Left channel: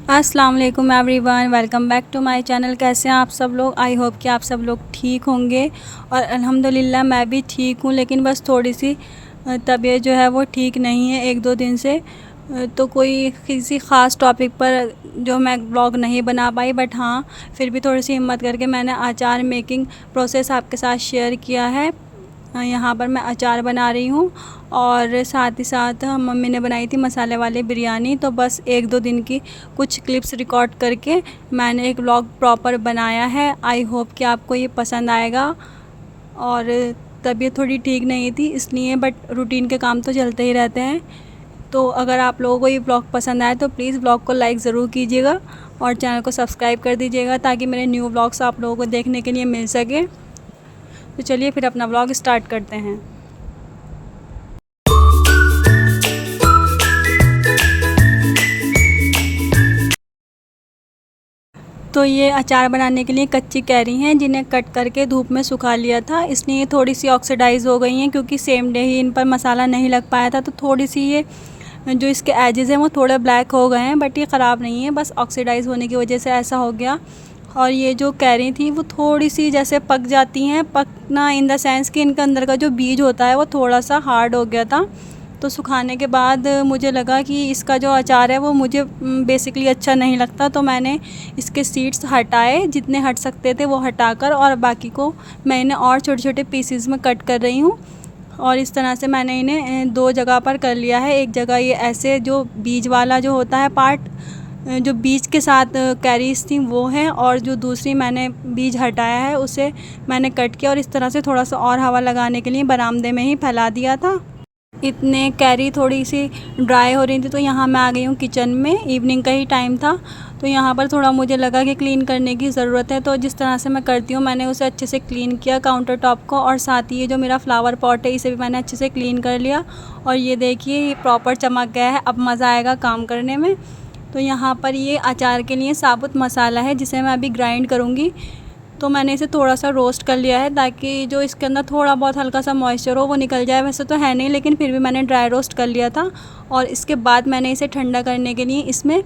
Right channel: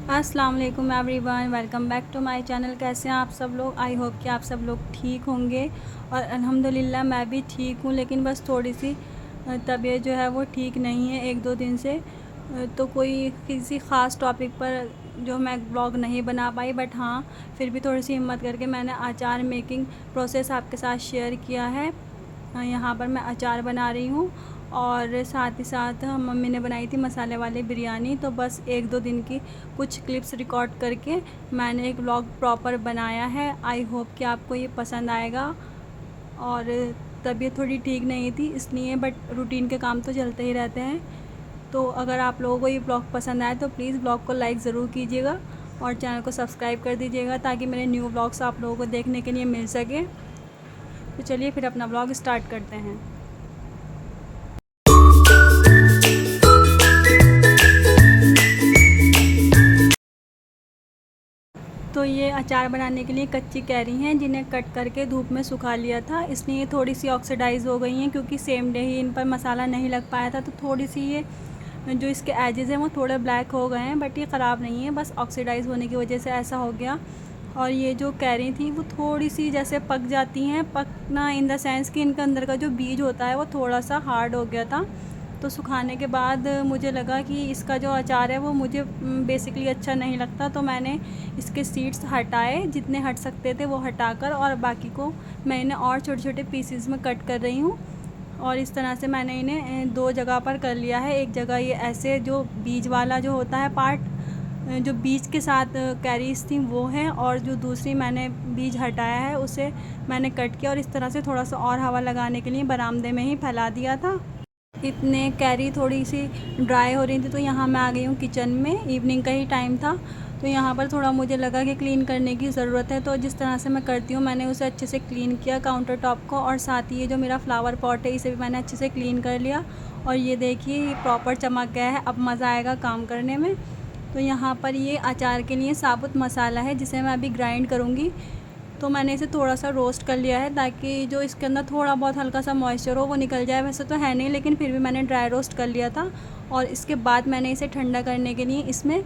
अस्सलाम वालेकुम everyone, welcome back to my channel. कैसे हैं आप सब लोग? आई होप कि आप सब लोग ठीक होंगे और अल्हम्दुलिल्लाह मैं भी ठीक हूँ। लेकिन बस थोड़ी सी तबीयत जो है वो ठीक नहीं है एक दो दिन से। तो कोई किसी ख़ास टॉपिक पर जो मैं ब्लॉग नहीं बना पाई, बट हाँ फिर भी थोड़ी सी हिम्मत करके मैंने अचार मेकिंग प्रोसेस आपके साथ शेयर किया है। यहाँ पर मैं अचार बना रही हूँ और साथ ही साथ मम्मी ने बनाई थी मसाले वाली बिरयानी। तो बस एक दो दिन की कुछ क्लिप्स रिकॉर्ड करके मैंने एक व्लॉग प्रॉपर बनाया है। आई होप कि आपको ये पसंद आएगा। और तबीयत थोड़ी ठीक नहीं थी इसलिए, बट रूटीन के काम तो चलते ही रहते हैं। तो अगर आप लोगों को ये ब्लॉग पसंद आए तो प्लीज़ ब्लॉग को लाइक ज़रूर कीजिएगा और चैनल को सब्सक्राइब कर दीजिएगा ताकि मेरे न्यू ब्लॉग्स आप लोगों को देखने के लिए मिल सके। तो चलिए फिर अपना ब्लॉग स्टार्ट करते हैं। तो ये अचार बनाने के लिए कच्ची कैरी हैं जिन्हें कट करके धूप में सुखा लिया था, इसलिए ये थोड़ी सी ऑक्सीडाइज़ हो गई हैं क्योंकि सेम डे ही इन पर मसाला नहीं लग पाया था। तो थोड़ी सी ये जो इसके एजेस हैं वो थोड़े ब्लैक हो गए हैं, बट ये ख़राब नहीं है, बस ऑक्सीडाइज़ होने की वजह से ऐसा हो गया। और ये जो कैरी थी वो थोड़ी सी जैसे पक जाती हैं, पकना इन द सेंस कि इनके अंदर का जो बीज होता है वो थोड़ा सा हार्ड हो गया था। तो सुखाने के बाद मुझे लगा कि इसका जो अचार है वो मुझे बेसिकली अच्छा नहीं लगता। तो मैंने इसके सीड्स हटाए, जितने हट सकते थे वो हटाकर, और बाकी को मैं इन्हें और छोटे छोटे पीसेस में कट कर रही हूँ। और इस तरह से मैंने इन्हें दो जगह पर कर लिया है। एक जगह ये ऐसे जो बीज वाला जो होता है पार्ट, जो बीज के साथ कैरीज थी वो है, और जो दूसरी मैंने बीज हटाया है उसे मैंने कट किया और इस तरह से थोड़ा सा और हवा लगाने के लिए बरामदे में ही फैला दिया था। इतने कैरी थोड़ी सी ड्राई हो रही थी तो यहाँ मैं आ गई हूँ किचन में। इवनिंग का ही टाइम था तो यहाँ पर थोड़ा मुझे लगा कि क्लीन करने की ज़रूरत है। तो जिस तरह से मैं करती हूँ मैंने उसे अच्छे से क्लीन किया काउंटर टॉप को, और साथ ही ये जो मेरा फ्लावर पॉट है इसे भी मैंने अच्छे से क्लीन कर लिया। और ये देखिए ये प्रॉपर चमक गया है, अब मज़ा आएगा काम करने में। तो यहाँ पर ये अचार के लिए साबुत मसाला है जिसे मैं अभी ग्राइंड करूँगी। तो मैंने इसे थोड़ा सा रोस्ट कर लिया है ताकि जो इसके अंदर थोड़ा बहुत हल्का सा मॉइस्चर हो वो निकल जाए। वैसे तो है नहीं, लेकिन फिर भी मैंने ड्राई रोस्ट कर लिया था। और इसके बाद मैंने इसे ठंडा करने के लिए इसमें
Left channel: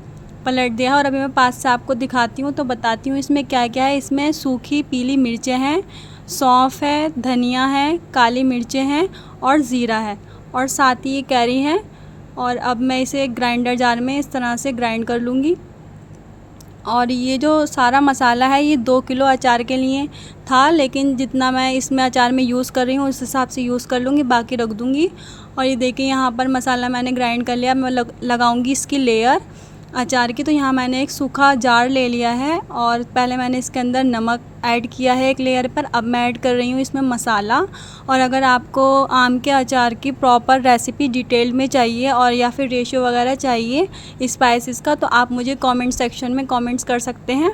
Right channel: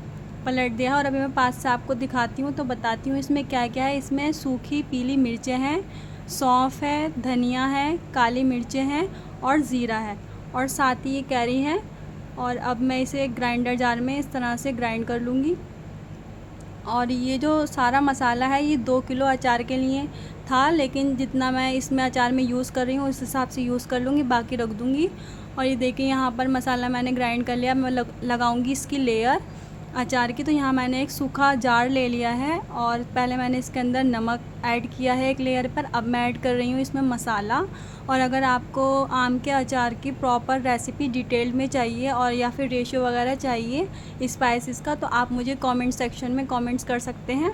पलट दिया। और अभी मैं पास से आपको दिखाती हूँ तो बताती हूँ इसमें क्या क्या है। इसमें सूखी पीली मिर्चें हैं, सौंफ है, धनिया है, काली मिर्चें हैं और ज़ीरा है, और साथ ही ये कैरी है। और अब मैं इसे ग्राइंडर जार में इस तरह से ग्राइंड कर लूँगी। और ये जो सारा मसाला है ये 2 किलो अचार के लिए था, लेकिन जितना मैं इसमें अचार में यूज़ कर रही हूँ उस हिसाब से यूज़ कर लूँगी, बाकी रख दूँगी। और ये देखिए यहाँ पर मसाला मैंने ग्राइंड कर लिया। मैं लगाऊँगी इसकी लेयर अचार की। तो यहाँ मैंने एक सूखा जार ले लिया है और पहले मैंने इसके अंदर नमक ऐड किया है एक लेयर पर। अब मैं ऐड कर रही हूँ इसमें मसाला। और अगर आपको आम के अचार की प्रॉपर रेसिपी डिटेल में चाहिए और या फिर रेशियो वगैरह चाहिए स्पाइसेस का, तो आप मुझे कमेंट सेक्शन में कमेंट्स कर सकते हैं।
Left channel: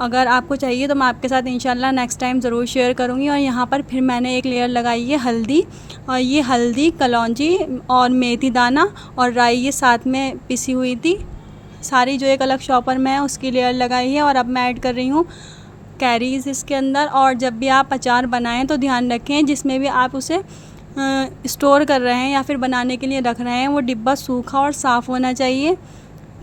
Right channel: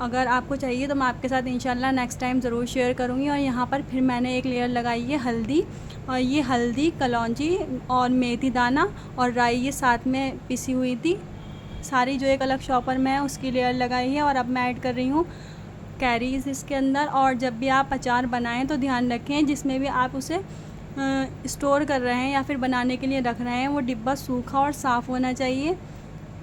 अगर आपको चाहिए तो मैं आपके साथ इंशाल्लाह नेक्स्ट टाइम ज़रूर शेयर करूँगी। और यहाँ पर फिर मैंने एक लेयर लगाई है हल्दी, और ये हल्दी, कलौंजी और मेथी दाना और राई ये साथ में पिसी हुई थी सारी, जो एक अलग शॉपर में है उसकी लेयर लगाई है। और अब मैं ऐड कर रही हूँ कैरीज़ इसके अंदर। और जब भी आप अचार बनाएं तो ध्यान रखें जिसमें भी आप उसे स्टोर कर रहे हैं या फिर बनाने के लिए रख रहे हैं वो डिब्बा सूखा और साफ़ होना चाहिए।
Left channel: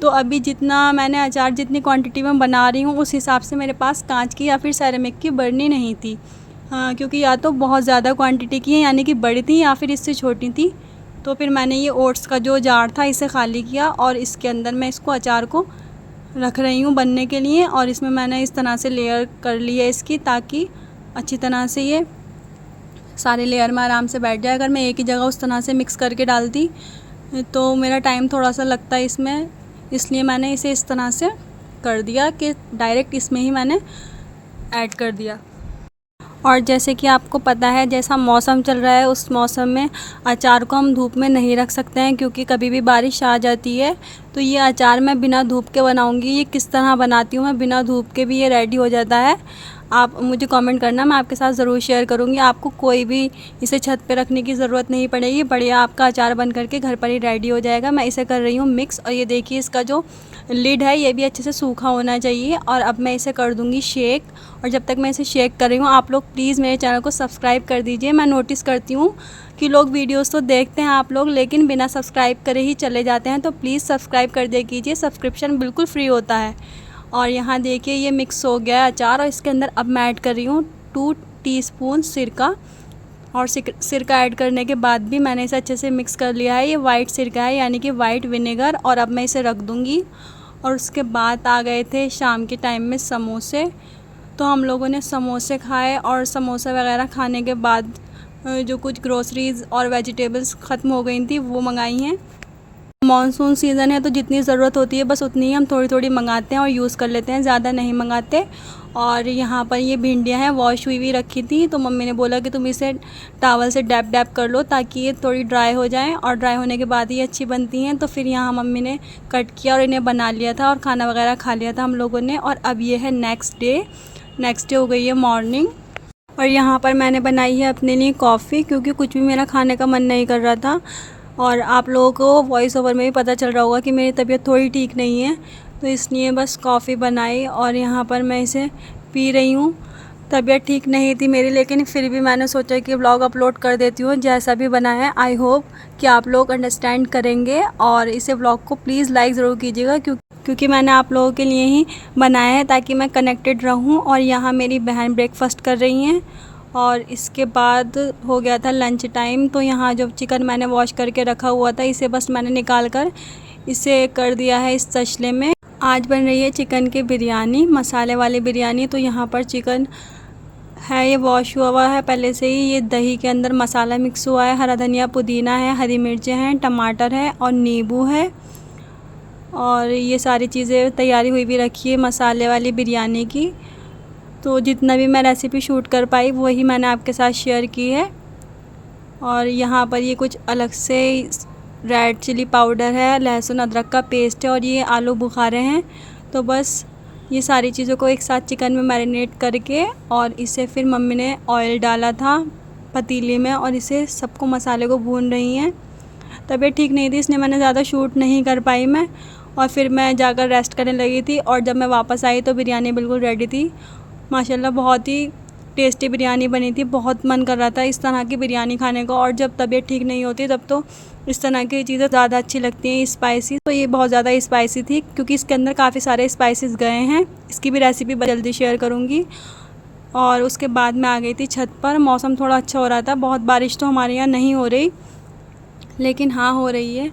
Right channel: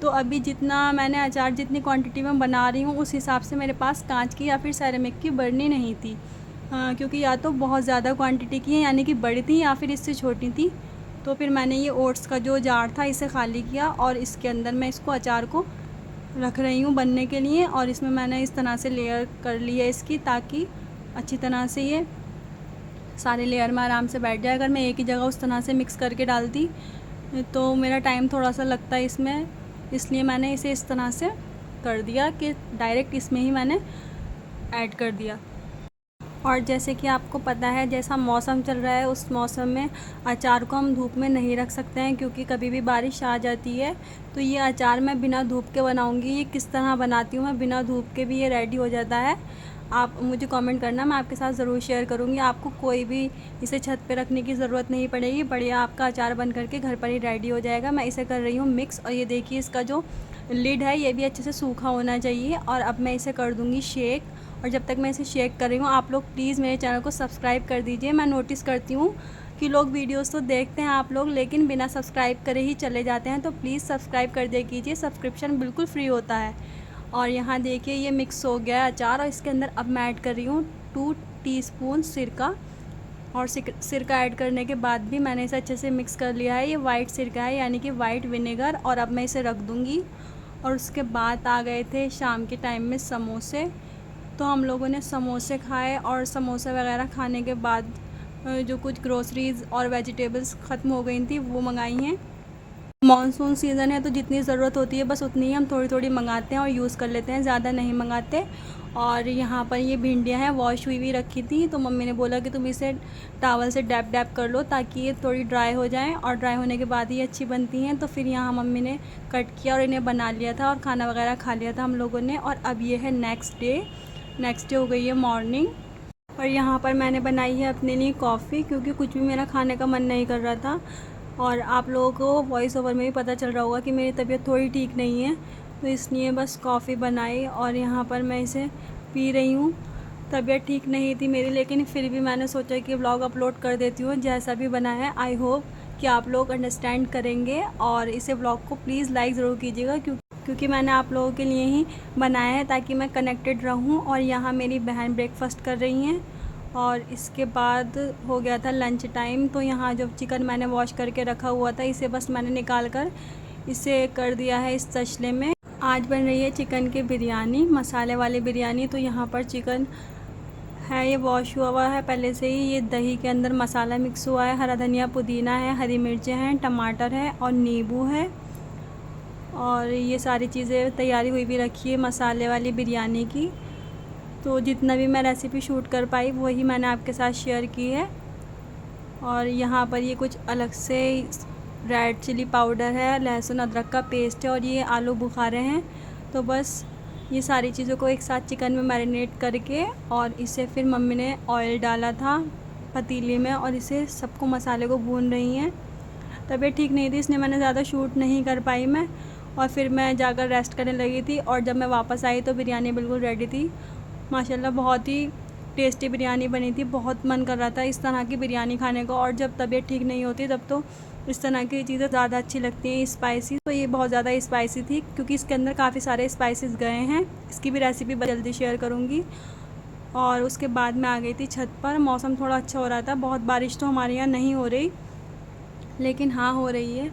तो अभी जितना मैंने अचार जितनी क्वांटिटी में बना रही हूँ उस हिसाब से मेरे पास कांच की या फिर सेरेमिक की बरनी नहीं थी, क्योंकि या तो बहुत ज़्यादा क्वांटिटी की है यानी कि बड़ी थी या फिर इससे छोटी थी। तो फिर मैंने ये ओट्स का जो जार था इसे खाली किया और इसके अंदर मैं इसको अचार को रख रही हूँ बनने के लिए। और इसमें मैंने इस तरह से लेयर कर ली है इसकी, ताकि अच्छी तरह से ये सारे लेयर में आराम से बैठ जाए। अगर मैं एक ही जगह उस तरह से मिक्स करके डालती तो मेरा टाइम थोड़ा सा लगता है इसमें, इसलिए मैंने इसे इस तरह से कर दिया कि डायरेक्ट इसमें ही मैंने ऐड कर दिया। और जैसे कि आपको पता है जैसा मौसम चल रहा है उस मौसम में अचार को हम धूप में नहीं रख सकते हैं क्योंकि कभी भी बारिश आ जाती है। तो ये अचार मैं बिना धूप के बनाऊंगी। ये किस तरह बनाती हूँ मैं बिना धूप के भी ये रेडी हो जाता है। आप मुझे कमेंट करना, मैं आपके साथ ज़रूर शेयर करूँगी। आपको कोई भी इसे छत पे रखने की ज़रूरत नहीं पड़ेगी, बढ़िया आपका अचार बन करके घर पर ही रेडी हो जाएगा। मैं इसे कर रही हूँ मिक्स। और ये देखिए इसका जो लिड है ये भी अच्छे से सूखा होना चाहिए। और अब मैं इसे कर दूँगी शेक। और जब तक मैं इसे शेक कर रही हूँ, आप लोग प्लीज़ मेरे चैनल को सब्सक्राइब कर दीजिए। मैं नोटिस करती हूँ कि लोग वीडियोस तो देखते हैं आप लोग, लेकिन बिना सब्सक्राइब करे ही चले जाते हैं। तो प्लीज़ सब्सक्राइब कर दिया कीजिए, सब्सक्रिप्शन बिल्कुल फ्री होता है। और यहाँ देखिए ये मिक्स हो गया है अचार, और इसके अंदर अब मैं ऐड कर रही हूँ 2 टीस्पून सिरका। और सिरका ऐड करने के बाद भी मैंने इसे अच्छे से मिक्स कर लिया है। ये वाइट सिरका है, यानी कि वाइट विनेगर। और अब मैं इसे रख दूँगी। और उसके बाद आ गए थे शाम के टाइम में समोसे। तो हम लोगों ने समोसे खाए, और समोसा वगैरह खाने के बाद जो कुछ ग्रोसरीज़ और वेजिटेबल्स ख़त्म हो गई थी वो मंगाई हैं। मॉनसून सीज़न है तो जितनी ज़रूरत होती है बस उतनी ही हम थोड़ी थोड़ी मंगाते हैं और यूज़ कर लेते हैं, ज़्यादा नहीं मंगाते। और यहाँ पर ये भिंडियाँ हैं, वॉश हुई रखी थी, तो मम्मी ने बोला कि तुम इसे टॉवल से डैप डैप कर लो ताकि ये थोड़ी ड्राई हो जाएं, और ड्राई होने के बाद ही अच्छी बनती हैं। तो फिर यहाँ मम्मी ने कट किया और इन्हें बना लिया था, और खाना वगैरह खा लिया था हम लोगों ने। और अब ये है नेक्स्ट डे हो गई है मॉर्निंग। और यहाँ पर मैंने बनाई है अपने लिए कॉफ़ी, क्योंकि कुछ भी मेरा खाने का मन नहीं कर रहा था। और आप लोगों को वॉइस ओवर में भी पता चल रहा होगा कि मेरी तबीयत थोड़ी ठीक नहीं है, तो इसलिए बस कॉफ़ी बनाई और यहाँ पर मैं इसे पी रही हूँ। तबीयत ठीक नहीं थी मेरी, लेकिन फिर भी मैंने सोचा कि व्लॉग अपलोड कर देती हूँ। जैसा भी बना है आई होप कि आप लोग अंडरस्टैंड करेंगे, और इसे व्लॉग को प्लीज़ लाइक ज़रूर कीजिएगा, क्योंकि मैंने आप लोगों के लिए ही बनाया है ताकि मैं कनेक्टेड रहूँ। और यहाँ मेरी बहन ब्रेकफास्ट कर रही हैं, और इसके बाद हो गया था लंच टाइम। तो यहाँ जो चिकन मैंने वॉश करके रखा हुआ था, इसे बस मैंने निकाल कर इसे कर दिया है इस तसले में। आज बन रही है चिकन की बिरयानी, मसाले वाली बिरयानी। तो यहाँ पर चिकन है, ये वॉश हुआ है पहले से ही। ये दही के अंदर मसाला मिक्स हुआ है, हरा धनिया पुदीना है, हरी मिर्चें हैं, टमाटर है और नींबू है। और ये सारी चीज़ें तैयारी हुई भी रखी है मसाले वाली बिरयानी की। तो जितना भी मैं रेसिपी शूट कर पाई वही मैंने आपके साथ शेयर की है। और यहाँ पर ये कुछ अलग से रेड चिली पाउडर है, लहसुन अदरक का पेस्ट है, और ये आलू बुखारे हैं। तो बस ये सारी चीज़ों को एक साथ चिकन में मैरिनेट करके, और इसे फिर मम्मी ने ऑयल डाला था पतीले में, और इसे सबको मसाले को भून रही हैं। तबीयत ठीक नहीं थी इसलिए मैंने ज़्यादा शूट नहीं कर पाई मैं, और फिर मैं जाकर रेस्ट करने लगी थी। और जब मैं वापस आई तो बिरयानी बिल्कुल रेडी थी। माशाल्लाह बहुत ही टेस्टी बिरयानी बनी थी। बहुत मन कर रहा था इस तरह की बिरयानी खाने को, और जब तबीयत ठीक नहीं होती तब तो इस तरह की चीज़ें ज़्यादा अच्छी लगती हैं स्पाइसी। तो ये बहुत ज़्यादा स्पाइसी थी, क्योंकि इसके अंदर काफ़ी सारे स्पाइसेस गए हैं। इसकी भी रेसिपी जल्दी शेयर करूँगी। और उसके बाद मैं आ गई थी छत पर। मौसम थोड़ा अच्छा हो रहा था, बहुत बारिश तो हमारे यहाँ नहीं हो रही, लेकिन हाँ हो रही है।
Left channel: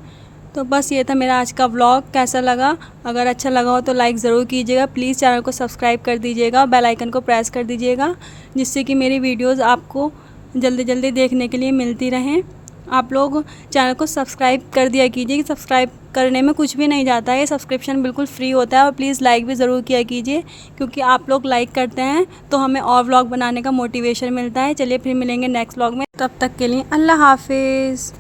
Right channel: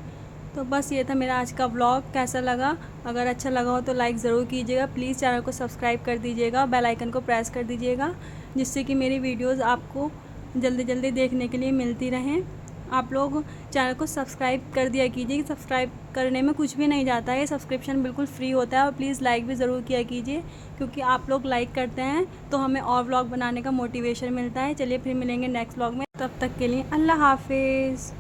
तो बस ये था मेरा आज का व्लॉग। कैसा लगा? अगर अच्छा लगा हो तो लाइक ज़रूर कीजिएगा, प्लीज़ चैनल को सब्सक्राइब कर दीजिएगा, बेल आइकन को प्रेस कर दीजिएगा, जिससे कि मेरी वीडियोस आपको जल्दी जल्दी देखने के लिए मिलती रहें। आप लोग चैनल को सब्सक्राइब कर दिया कीजिए, सब्सक्राइब करने में कुछ भी नहीं जाता है, सब्सक्रिप्शन बिल्कुल फ्री होता है। और प्लीज़ लाइक भी ज़रूर किया कीजिए, क्योंकि आप लोग लाइक करते हैं तो हमें और व्लॉग बनाने का मोटिवेशन मिलता है। चलिए फिर मिलेंगे नेक्स्ट व्लॉग में, तब तक के लिए अल्लाह हाफिज़।